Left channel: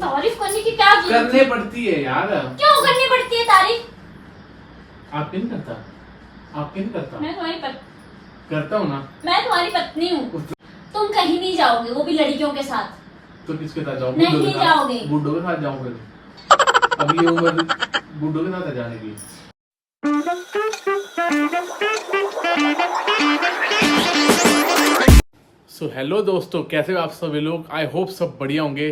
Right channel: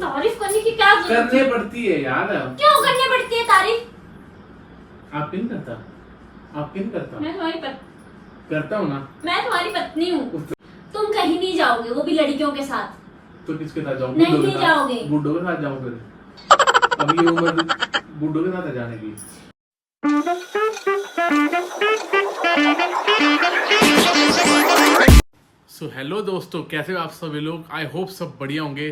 तारीफ करने की क्या जरूरत करने पड़ती है यार। क्यों करनी पड़ती है तारीफ? आप क्यों नहीं करता? आप क्यों नहीं करता? मैं तुम्हारी करता हूँ ना। मैं तुम्हारी पत्नी हूँ। तुम कहीं नहीं जाओगे, वो भी लड़कियों के साथ। तो किसके साथ जाऊँ? नहीं जाओगे। बुड्ढों के साथ जाऊँ फिर। अब ये उम्र बुड्ढों के साथ जाने की। सो हेलो दोस्तों, कैसे हो आप सभी लोग? आई होप सब बढ़िया होंगे।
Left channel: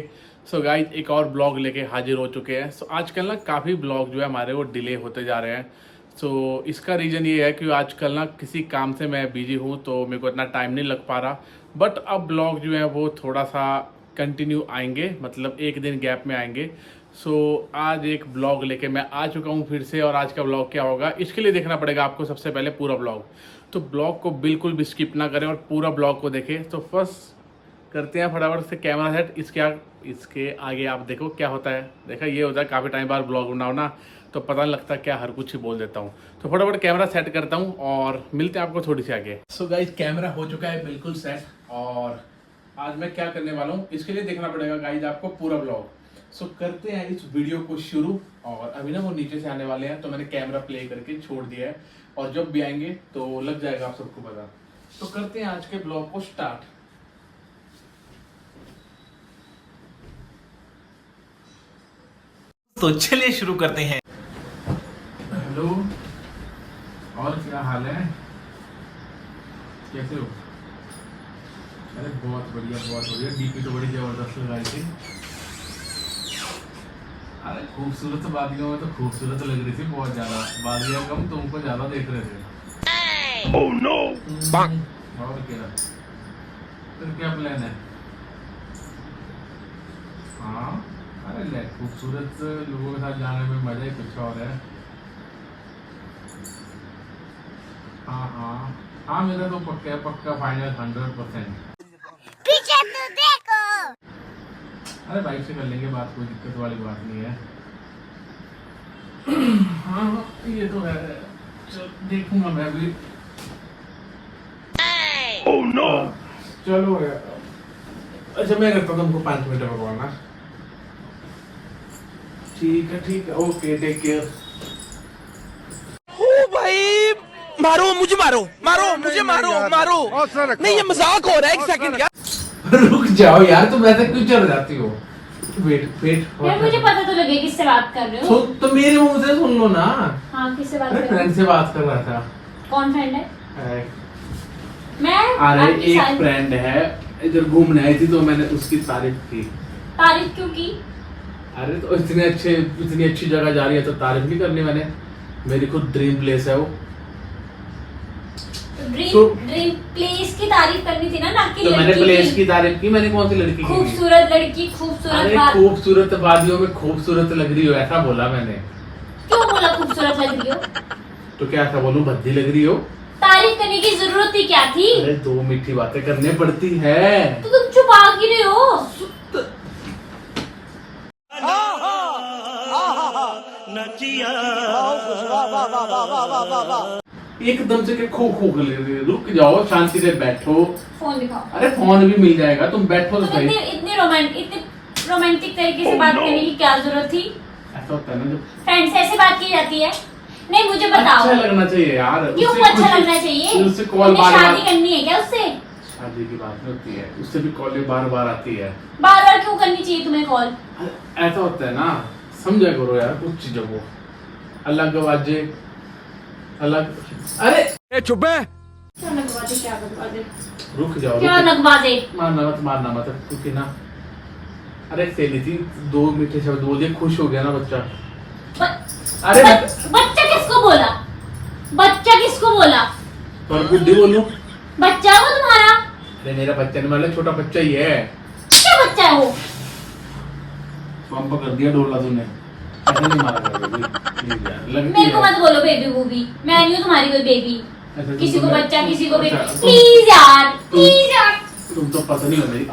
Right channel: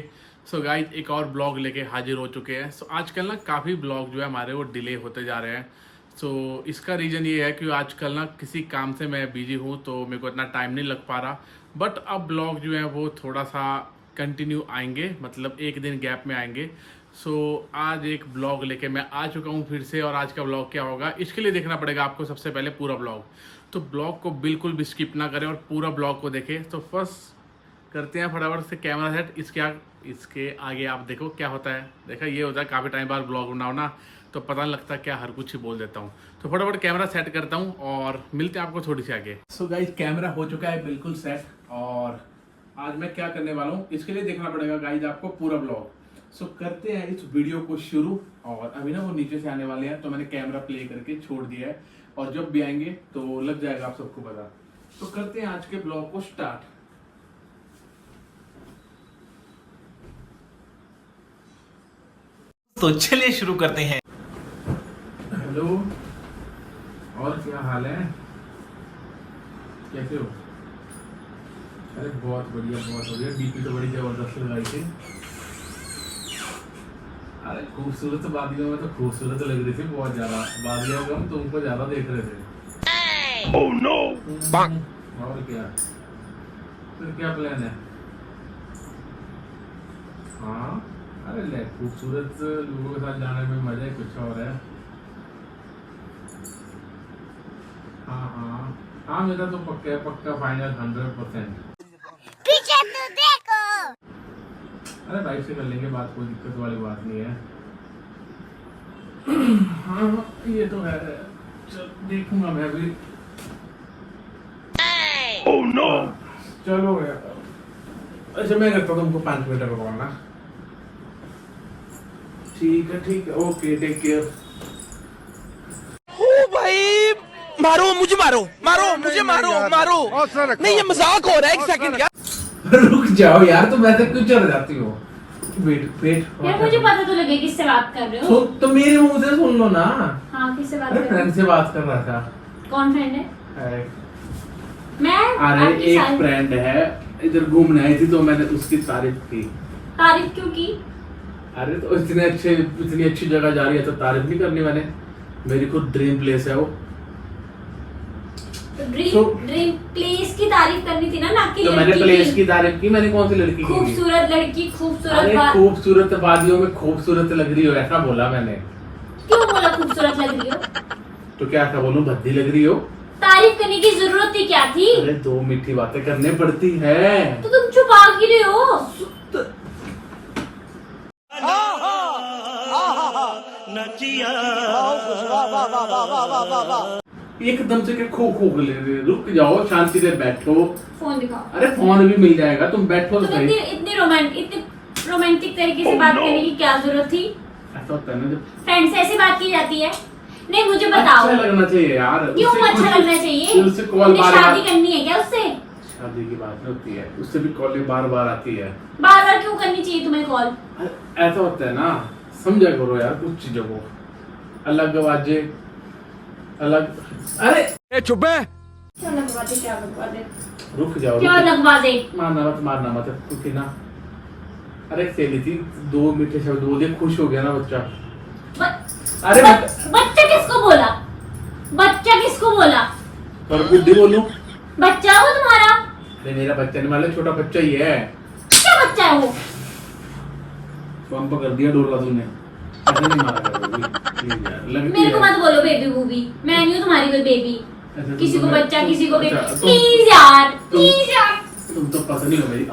सो गाइस, एक और ब्लॉग लेके हाजिर हो चुके हैं। सो आजकल ना काफ़ी ब्लॉग जो है हमारे वो डिले होते जा रहे हैं। सो इसका रीज़न ये है कि आजकल ना किसी काम से मैं बिजी हूँ तो मेरे को इतना टाइम नहीं लग पा रहा। बट अब ब्लॉग जो है वो थोड़ा सा कंटिन्यू आएंगे, मतलब एक दिन गैप में आएंगे। सो आज एक ब्लॉग लेके मैं आ चुका हूँ फिर से। और आज का ब्लॉग क्या होगा, इसके लिए देखना पड़ेगा आपको सबसे पहले पूरा ब्लॉग। तो ब्लॉग को बिल्कुल भी स्किप ना करें और पूरा ब्लॉग को देखें। तो फर्स्ट करते हैं फटाफट से कैमरा सेट। इसके आगे आप देखो क्या होता है। देखा, ये होता है काफ़ी टाइम बाद ब्लॉग बनाओ ना तो पता नहीं लगता, क्या हर कुछ ही बोल देता हूँ। तो फटाफट कैमरा सेट करता हूँ और मिलते हैं आपको थोड़ी सी आगे। सो गाइस, कैमरा हो चुका है बिल्कुल सेट। और आज मैं क्या करने वाला हूँ इसके लिए देखना पड़ेगा गाइस आपको पूरा ब्लॉग। सो करते हैं इस वीडियो को शुरू। और अभी ना वो नीचे से आने वाले हैं तो मैंने कैमरा प्ले करके छोड़ दिया है, और जब भी आएंगे तो लग जाएगा आप सबको पता। तो करते हैं आज के ब्लॉग को स्टार्ट। तो चलिए शुरू करते हैं। हेलो, और क्या हाल है? कैसे हो? अरे बहुत बढ़िया, बहुत बढ़िया। डीपी तो बड़ी जबरदस्त लगाई थी। अरे खूबसूरत बादियों में तो खूबसूरत लग रही थी बहुत ज्यादा। बादियों को हम तुमको ज्यादा देख रहे थे। Oh no! और क्या? फिर क्या प्लान है? हाँ, अरे ले, खूबसूरत लोगों के साथ जाने में मजा ही कुछ और है। हाँ, मेरा तो पक्का फाइनल 100%। पीछे तो देखो। अरे बाइक से कर लेंगे बात, कोई दिक्कत वाली बात नहीं है। हाँ, ये तो है। देखूंगा मैं भी। Oh no! चलो यार, अच्छा मैं करता हूँ तुमको 5 मिनट में पकड़ना। ठीक है, ओके, टेक केयर। ओ भाई, मारो मुझे, मारो मुझे, मारो नहीं, ये मजाक हो रहा है। एक सेकंड यार, रुक जाओ यार, तुम ऐसे क्यों चल जाती हो? वेट यार मुझे पता तो लगे किससे बात कर रहे हो। तो मेरे मुंह से सुन लो ना। हाँ, किससे बात अरे कर रहे फ्रेंड से बात कर रहा था। हो? कौन फ्रेंड है? मैं अरे आपकी एक फ्रेंड है, इधर घूमने आई थी तो मैंने उसकी तारीफ की। तारीफ क्यों की? अरे तो इतनी अच्छी जगह जा रही है तो तारीफ नहीं करनी मैंने? मेरी खुद ड्रीम प्लेस है वो। ड्रीम प्लेस की तारीफ करनी थी ना कि तो मैंने प्लेस की तारीफ की। मैंने कौन सी लड़की की? खूबसूरत लड़की, खूबसूरत अरे खूबसूरत वादियों में खूबसूरत लग रही हो, ऐसा बोला मैंने। क्यों बोला खूबसूरत लग रही हो? तो क्या ऐसा बोलूं, भद्दी लग रही हो? तारीफ करने की जरूरत ही क्या थी? अरे 2 मीठी बातें करनी पड़ती है। तो तुम छुपा क्यों रहे हो? एकदम से खो ले रहे। रुक जाओ, शांति से बैठो। फोन दिखाओ। अरे फोन भी मिल जाएगा, तुम बैठो तो सही। इतनी रोमांटिक तरीके से बात करने की क्या जरूरत थी? ऐसा होता है ना जब फ्रेंड से ऐसे बात की जाती है? नहीं, मुझे बताओ। अच्छा लगना चाहिए यार। क्यों अच्छा लगना चाहिए? उससे कॉल शादी करनी है क्या उससे? शादी की बात नहीं होती है, उससे भी कॉल बार आती है। बार क्यों करनी चाहिए तुम्हें कॉल? ऐसा होता है ना, समझा करो यार कुछ चीजों को। अलग आवाजें, अलग। अरे चुप है। क्या लगवा दे? रुक जाओ, क्या लगवा दे? मारना मत क्योंकि ना। अरे सहेली थी, 2 मीठे शब्द बोल दिए, खुश हो गया ना बच्चा। अरे बच्चा किसको बोला? पर बुद्धि बोलूं? बच्चा हो तुम्हारा? अरे मेरा बच्चा नहीं, मतलब छोटा बच्चा ही है। क्या बच्चा है वो? पंप कर दिया डोला तूने। ऐसे नहीं मारा करोगी। मेरे को मत बोलो बेबी बूबी, मैं नहीं हूँ तुम्हारी कोई बेबी। किसी को बच्चा, किसी को बेबी। प्लीज यार। तुम तो पता नहीं हो रही।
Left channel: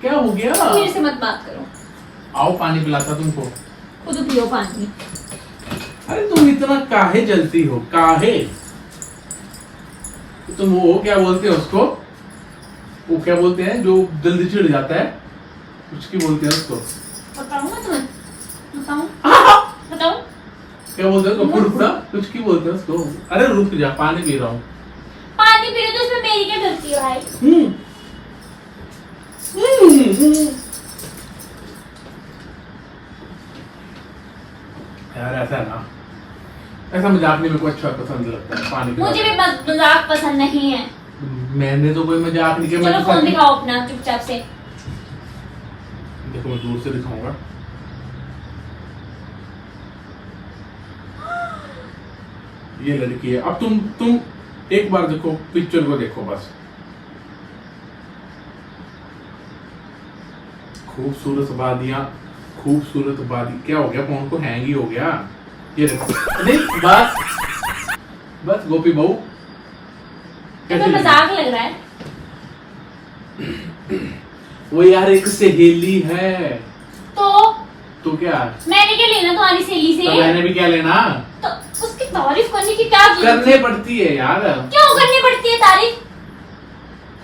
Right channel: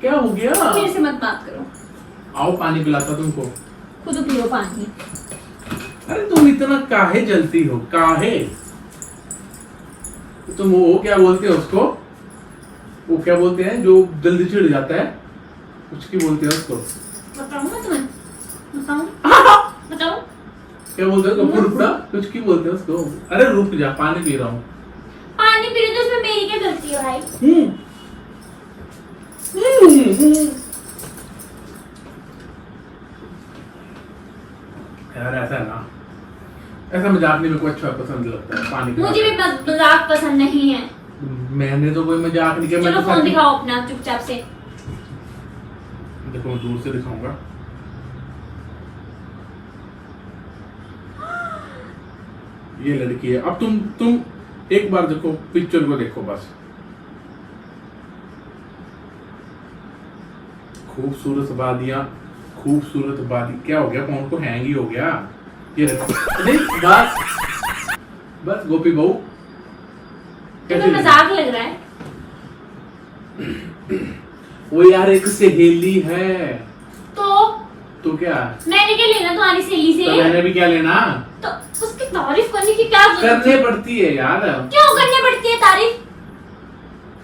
क्या हो गया? मेरे से मत बात करो। आओ पानी पिलाता तुमको। खुद पियो पानी। अरे तुम इतना काहे जलती हो? काहे? तुम वो क्या बोलते हैं उसको? वो क्या बोलते हैं जो जल्दी चिढ़ जाता है? कुछ की बोलते हैं उसको? बताओ। क्या बोलते हैं उसको? फुरफुरा कुछ की बोलते हैं उसको? अरे रुक जा, पानी पी रहा हूँ। पानी पी रहे तो इसमें मेरी क्या गलती है भाई? यार ऐसा है ना, ऐसा मजाक नहीं मेरे को अच्छा पसंद लगता है पानी पीना। मुझे भी मजाक पसंद नहीं है। मैंने तो कोई मजाक नहीं किया। चलो मैं तो फोन दिखाओ अपना चुपचाप से। देखो मैं दूर से दिखाऊंगा। ये लड़की है। अब तुम एक बार देखो, पिक्चर को देखो बस। खूबसूरत वादियां, खूबसूरत वादी। क्या हो गया? फोन को हैंग ही हो गया। ये देखो। नहीं बस गोपी बहू तुम्हें मजाक लग रहा है? वो यार एक सहेली है। तो क्या? मैंने क्या लेना तुम्हारी सहेली से? तो मैंने भी क्या लेना? तो उसकी तारीफ करने की क्या जरूरत करने है? पड़ती है यार। क्यों करनी पड़ती है तारीफ?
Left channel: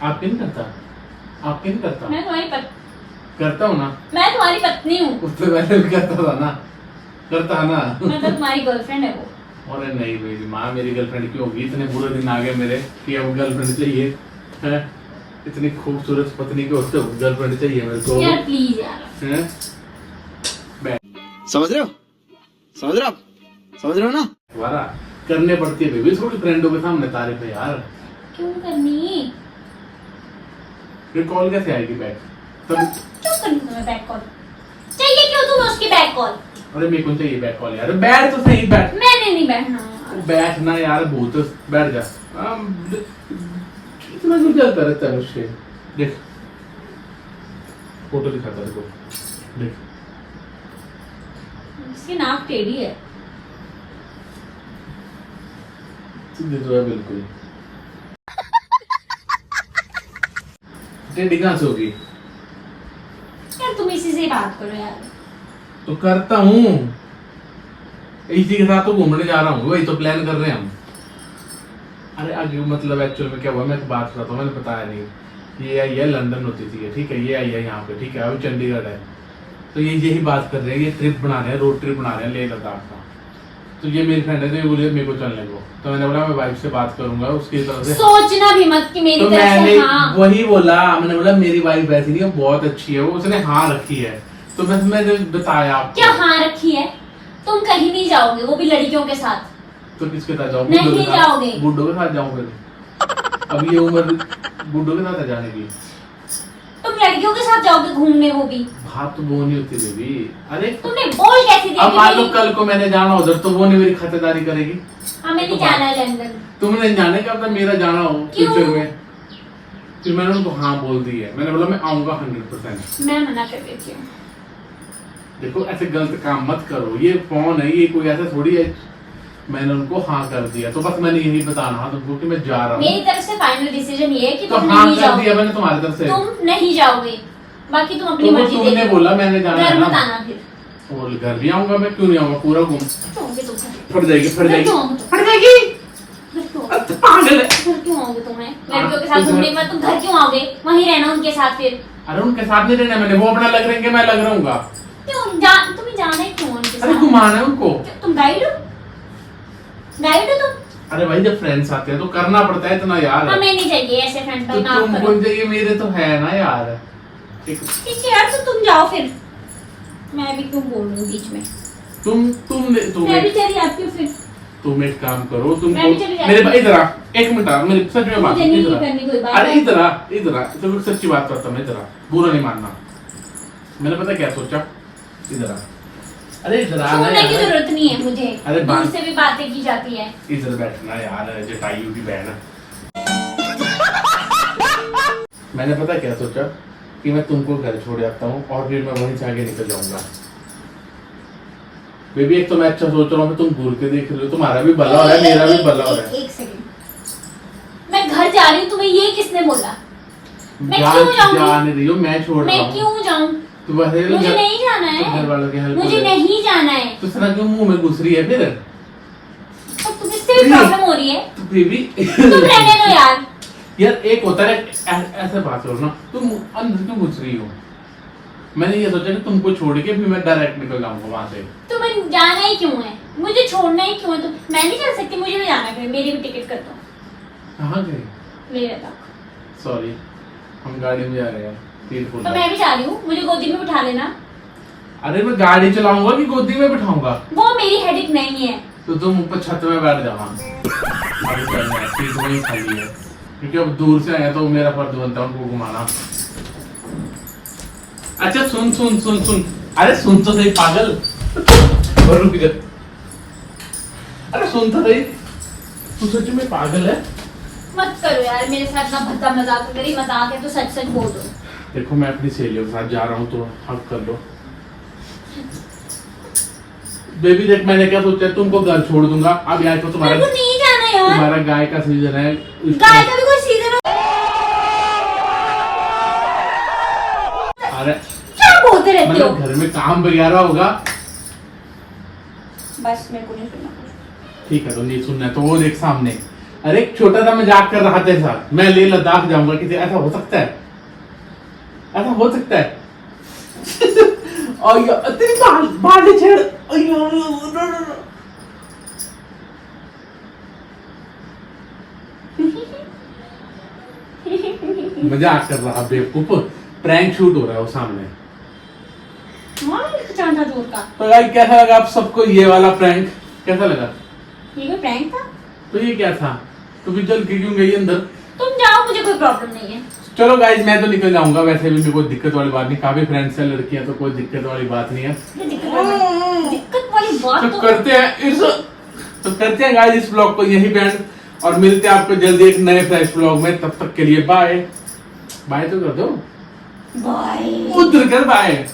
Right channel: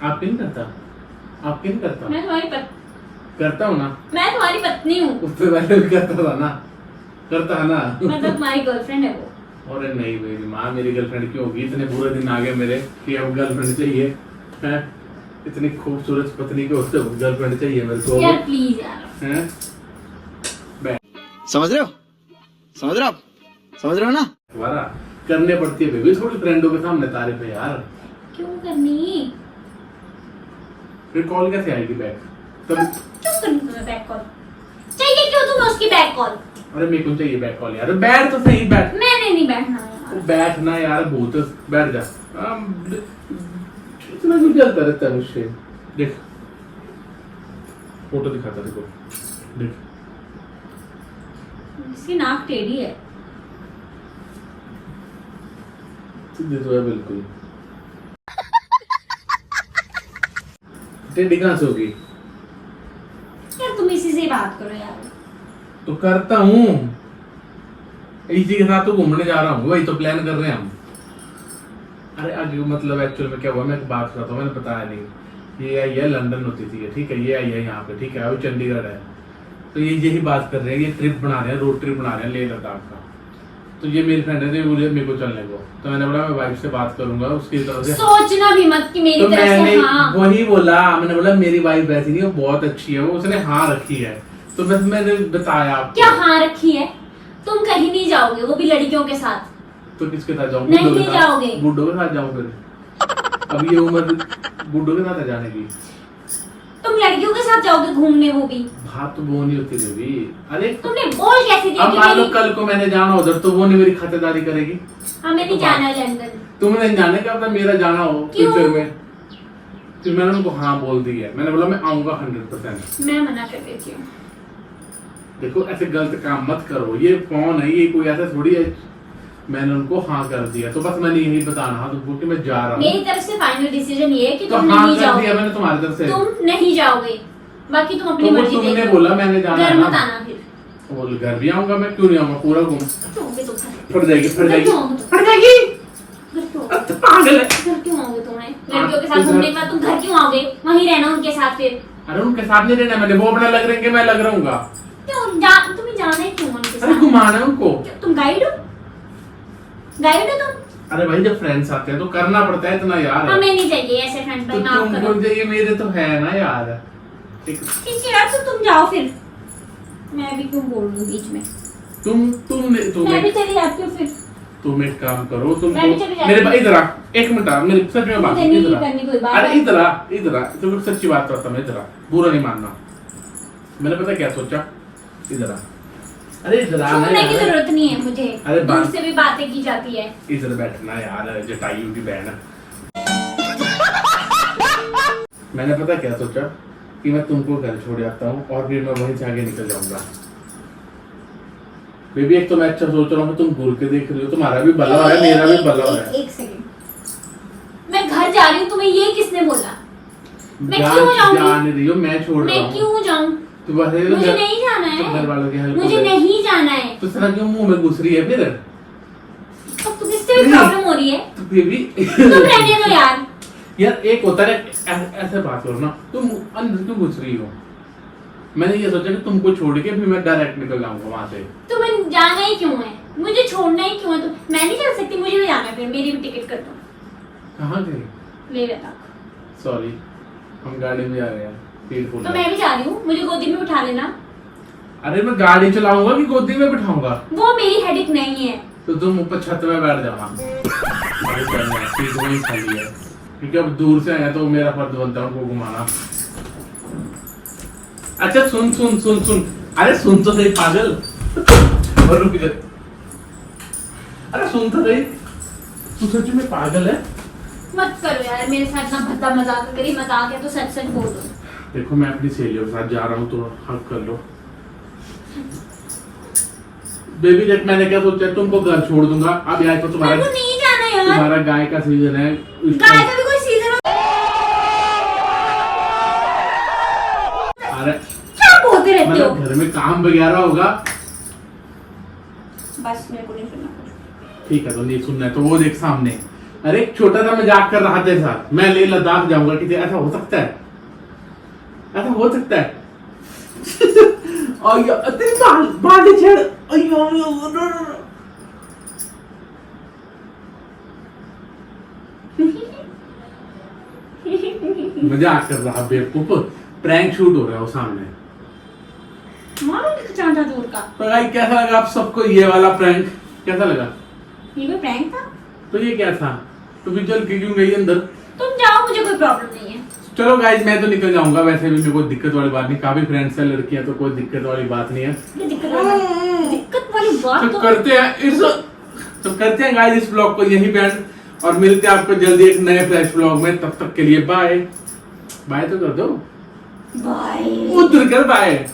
आप क्यों नहीं करता? आप क्यों नहीं करता? मैं तुम्हारी करता हूँ ना। मैं तुम्हारी पत्नी हूँ। उससे पहले भी करता था ना। करता है ना। मतलब तुम्हारी गर्लफ्रेंड है वो। अरे नहीं मेरी माँ मेरी गर्लफ्रेंड क्यों होगी? इतने बुरे दिन आ गए मेरे कि अब गर्लफ्रेंड चाहिए है। इतनी खूबसूरत पत्नी के होते गर्लफ्रेंड चाहिए मेरे को। यार प्लीज यार। हैं? समझ रहे हो? समझ रहे हो आप? समझ रहे हो ना? दोबारा करने पड़ती है बेबी, थोड़ी फ्रेंडों के सामने तारीफ है यार। क्यों करनी? फिर कॉल कैसे आएगी बैक? क्यों करनी तुम्हें बैक कॉल? चाहिए क्यों तुम्हें उसकी बैक कॉल? अरे मेरे को चाहिए बैक कॉल यार। बैठ तो सही, बैठ। मैंने नहीं बैठना यार। बैठना यार, भूत बैठ जा। इतना क्यों चलता रहता है मुझसे? देख फोटो दिखाता देखो, देख इसकी नाक टेढ़ी है। सीधे तो है बिल्कुल। टेढ़ी कहाँ से होगी? यार तुम इसी से बात करो यार। तो करता हूँ, इसी के साथ तो घूमने जा रहा हूँ, वही तो प्लान कर रहे हैं हम। अरे आगे मतलब एक्चुअल में क्या हुआ, मैं एक बात करता हूँ, मैंने बताया नहीं। ये आई है लंदन होती थी, ठीक है, ये आई है यहाँ पे, ठीक है, वो चंडीगढ़ है। तो ये यही बात कर रहे हैं, ये ट्रिप बना रहे हैं, रोड ट्रिप बना रहे हैं लेह लद्दाख का। तो ये मेरी फ्रेंड है, तो ये बोले मेरे को चलने को। तो मैंने बोला मैं वाइफ से बात करूंगा उसकी तरफ से। सोचना भी मत कि मेरी तो तरफ मैंने से हाँ। वही बोला, मैंने बोला मेरी वाइफ वैसी नहीं, वो बहुत अच्छी है, वो उसने हाँ रखी है। तो बस मैंने बताया आपको। क्या हाँ रखी है? तुम कहीं नहीं जाओगे, वो भी लड़कियों के साथ। तो किसके साथ जाऊँ? नहीं जाओगे। बुड्ढों के साथ जाऊँ फिर? अब ये उम्र बुड्ढों के साथ जाने की। तुम लड़कियों के साथ जाओगे घूमने, वो भी। बात तो वो नहीं होती बेबी। अरे तुमने बोल कैसे दिया? अब मान लो कल को मैंने जाना उधर, तो वो नहीं मेरी खातिरदारी करेगी? हमें नहीं जाना है लंदन। तुमने जाने का मतलब मेरा जाना हो क्यों? फ्यूचर में। फिर मैंने उनको हाँ बोल दी है, मैंने बोला मैं आऊंगा 100%। मैं मना कर देती हूँ। देखो ऐसे गलत काम मत करो, ये फोन है, ये कोई ऐसा थोड़ी है। मैंने उनको हाँ कर दिया, तो बस मैंने यही बताना था तुमको कि मैं जा रहा हूँ। मेरी तरफ से फाइनल डिसीजन ये है कि तो तुम हाँ नहीं कर जाओगे। दिया मैंने तुम्हारी तरफ से। तुम नहीं जाओगे, बाकी तुम अपनी तो वो मर्जी तुमने देखो। बोला मैंने जाना है घर मत ना। आना फिर। बोल घर भी आऊंगा मैं, क्यों नहीं आऊंगा, पूरा घूम। क्यों आओगे तुम घर? फट जाएगी, फट जाएगी, क्यों आओगे तुम? फट जाएगी। घर क्यों आओगे? अब तो पागल है। घर क्यों आओगे तुम्हें? लड़कियों के तो साथ घर- घूमने के बाद तुम घर क्यों आओगे? वहीं रहना उनके साथ फिर। अरे उनके साथ नहीं रहना मैंने, वो अपना लग रहे हैं, मैं लग रहूंगा। क्यों तुम्हें जाना है क्यों उनके अरे साथ? घुमाना है उनको। क्यों, तुम गाइड हो? गाइड हो तुम? अरे भाई जब फ्रेंड्स आते हैं तो करना पड़ता है इतना यार। हमें नहीं चाहिए ऐसे फ्रेंड तो भाई, माफ तुमको करो। चाहिए, मेरे तो है ना यार। ठीक है यार, तो तुम जाओ फिर। मैं भी क्यों बोल रही हूँ बीच में? मैं भी चली जाती हूँ फिर। तुम एक काम करो, तुम मैं भी चली जाती मेरे हूँ। इधर आ, एक मिनट आ, मेरे सच में बात मुझे नहीं इधर आ। करनी कोई बात। अरे इधर आ, इधर आ, तो सच्ची बात करता मैं, इधर आ, बुरा नहीं मानना। मैंने पता क्या सोचा, इधर आ। अरे इधर आ ना सुनने की यार। जरूरत नहीं है मुझे। अरे दूर बात- से भी बातें की जाती है। इधर बैठना यार, जटायु की बहन है। मैंने पता क्या सोचा कि मैं तुमको घर छोड़ जाता हूँ और फिर मैं वहीं से आगे निकल जाऊंगा। बेबी एक तो मैं अच्छा सोच रहा हूँ, तुम घूर के देख रही हो, तुम्हारा भी भला हो रहा है, मेरा भी भला हो रहा है। एक सेकंड, मैं घर जा रही हूँ, तुम्हें ये किसने बोला? मैं जान क्यों जाऊंगी? जाने रही हो, मैं छोड़ रहा मैं हूँ। क्यों जाऊँ? तो बस ये मुझे घर- नहीं जाना तो घर वालों की है। हेल्प मुझे हो जाएगी। नहीं जाना है। तो इतना क्यों मुंह में घुस रही है फिर? तो कुछ इससे भी प्रॉब्लम हो रही है। तो बेबी तुम रहने दो यार। यार एक होता है ऐसे बात करो ना, तुम अंदर क्यों घुस रही हो? मैंने ये सोचा कि तुमको छोड़ के फिर मैं डायरेक्ट निकल जाऊंगा वहां से। तुम्हें जाना ही क्यों है? मुझे छोड़ना ही क्यों है? तो मैं नहीं चल सकती, मुझे भी जाना है, फिर मेरी भी टिकट कर दो। कहाँ गए? मेरे तक। सॉरी, हम गाड़ी में जा रहे हैं तीरपुर। तो मैं भी जा रही हूँ, मुझे गोदी में बिठा लेना। अरे मैं गाड़ी चलाऊंगा कि गोदी में बिठाऊंगा? वो मेरी हेडेक नहीं है। तो तुम ऊपर छत में बैठ जाना, सीट वही खाली है, क्योंकि अब दूर से आया तो मेरा फर्ज बनता है उनको घुमाना। अच्छा सुन सुन सुन सुन, अरे सुन तो सही पागल, रुक जा। अरे सुन तो सही, तू सच में पागल है? मत करो यार मेरे साथ ना भद्दा मजाक, मेरी मजाक है तो सच सच बोल दो। देखो मैं अपनी सहेलियों के साथ जा रहा हूँ तो हक कर लो। बेबी देख, मैंने क्या सोचा, तुमको घर छोड़ दूंगा। अब यार तो तुम्हारा नहीं जाना यार, तुम्हारा गाय का सीजन है, गाय का भी कोई सीजन हो। अरे क्या बोलते रहते हो? मतलब घर में काम वगैरह होगा। बस मेरे को नहीं सुनना। ठीक है तो नहीं सुनना है तो वो देख सामने, अरे एक छोटा सा मजाक कर रहा था साथ, मैं ले लद्दाख जाऊंगा, किसी ऐसा हो सकता है? ऐसा हो सकता है? और तेरी बाल छेड़, मजाक कर रहा बेवकूफ, प्रैंक शूट हो रहा है वो सामने। दूर का तो भाई कैसा लगा आप सबको ये वाला प्रैंक? कैसा लगा? ये कोई प्रैंक था? तो ये क्या था? तू भी चल के क्यों गई अंदर? तुम जाओ, मुझे कोई प्रॉब्लम नहीं है। चलो गाइज मैं तो निकल जाऊंगा, वैसे भी कोई दिक्कत वाली बात नहीं, काफी फ्रेंड्स हैं लड़कियां, तो कोई दिक्कत वाली बात नहीं है। दिक्कत वाली बात तो करते हैं गाइज इस ब्लॉग को यही पे एंड, और मिलते हैं आपको जल्दी एक नए फ्रेश ब्लॉग में। तब तक के लिए बाय। बाय तो कर दो, बाय। उधर कर बाय।